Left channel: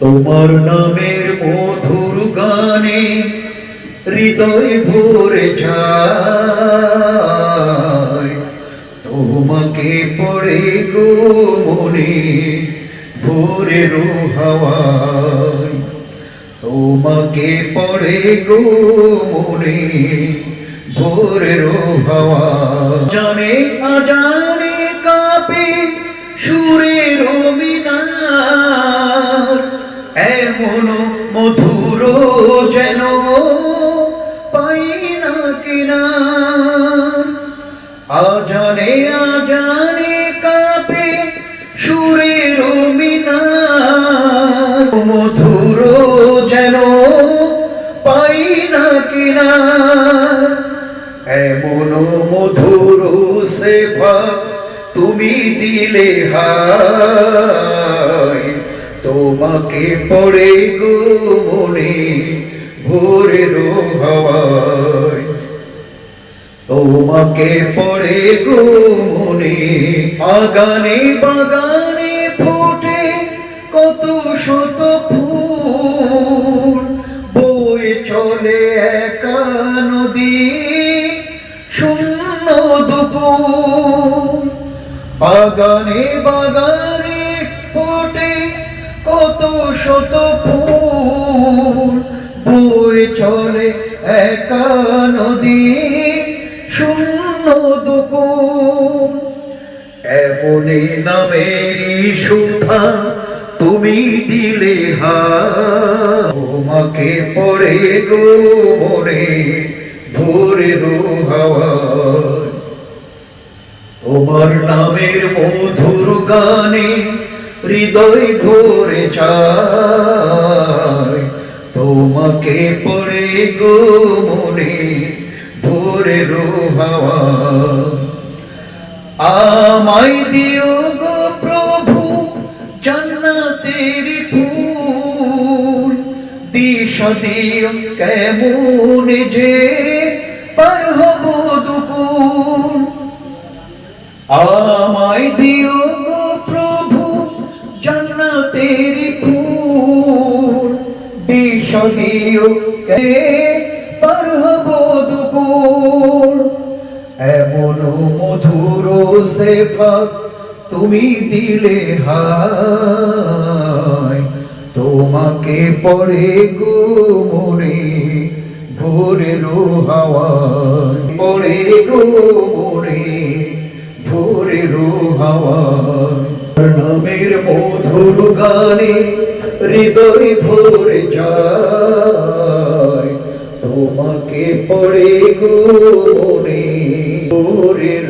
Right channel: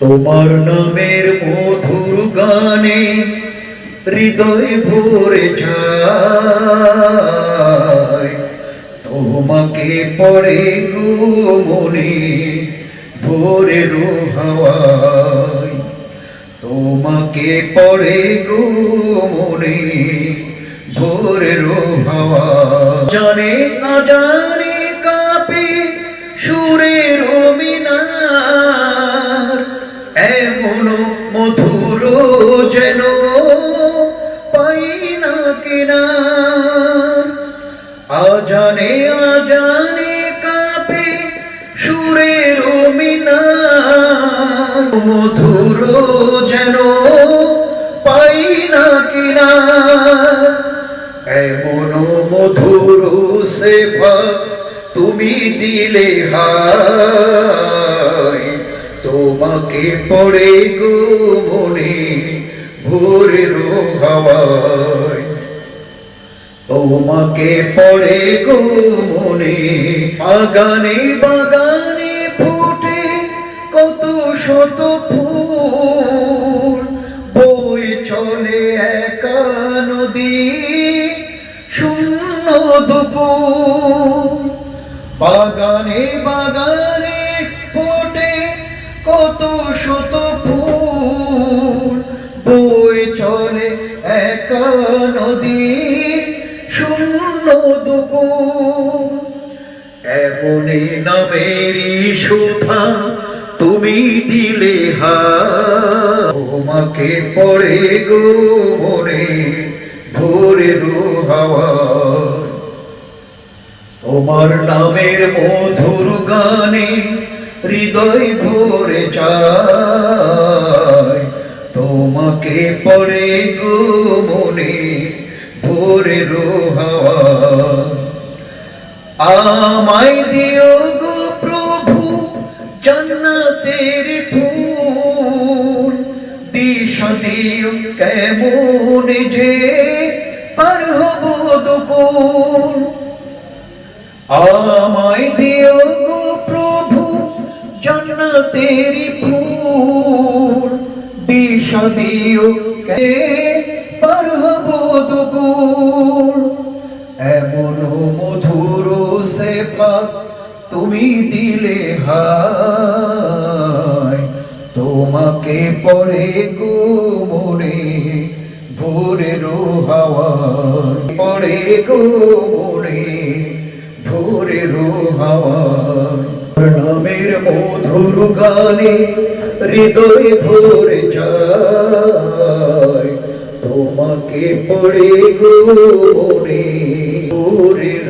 তোমার নামের মধুর গানে হৃদয় ভরে যায়, তোমাকে পড়ে গো মনে ভোরের হাওয়ায়, তোমাকে পড়ে গো মনে ভোরের হাওয়ায়। জানে আজানে কাঁপে সুরের মিনার, এমন মধুর যেন পাই না কিনার। আজানে আজানে কাঁপে সুরের মিনার, মধুর যেন পাই না কিনার। এমন মধুর সেবা তুমি দিলে হায়, তোমাকে পড়ে গো মনে ভোরের হাওয়ায়, তোমাকে পড়ে গো মনে। বাগানে বাগানে ফোটে কত শত ফুল, বয়ে চলে একা নদী শূন্য দুপুর। বাগানে বাগানে ফোটে কত শত ফুল, বয়ে চলে একা নদী শূন্য দুপুর। এমনি নামেরই সুধা তুমি দিলে হায়, তোমাকে পড়ে গো মনে ভোরের হাওয়ায়। তোমার নামের মধুর গানে হৃদয় ভরে যায়, তোমাকে পড়ে গো মনে ভোরের হাওয়ায়। আমায় দিও গো প্রভু জান্নাতের ফুল, দিশা দিও কেমন যে পার হব দুকুল। আমায় দিও গো প্রভু জান্নাতের ফুল, দিশা দিও কে পার হব দুকুল। এমন মধুর সেবা তুমি দিলে হায়, তোমাকে পড়ে গো মনে ভোরের হাওয়ায়, পড়ে গো মনে ভোরের হাওয়ায়। নামের মধুর গানে হৃদয় ভরে যায়, তোমাকে পড়ে গো মনে ভোরের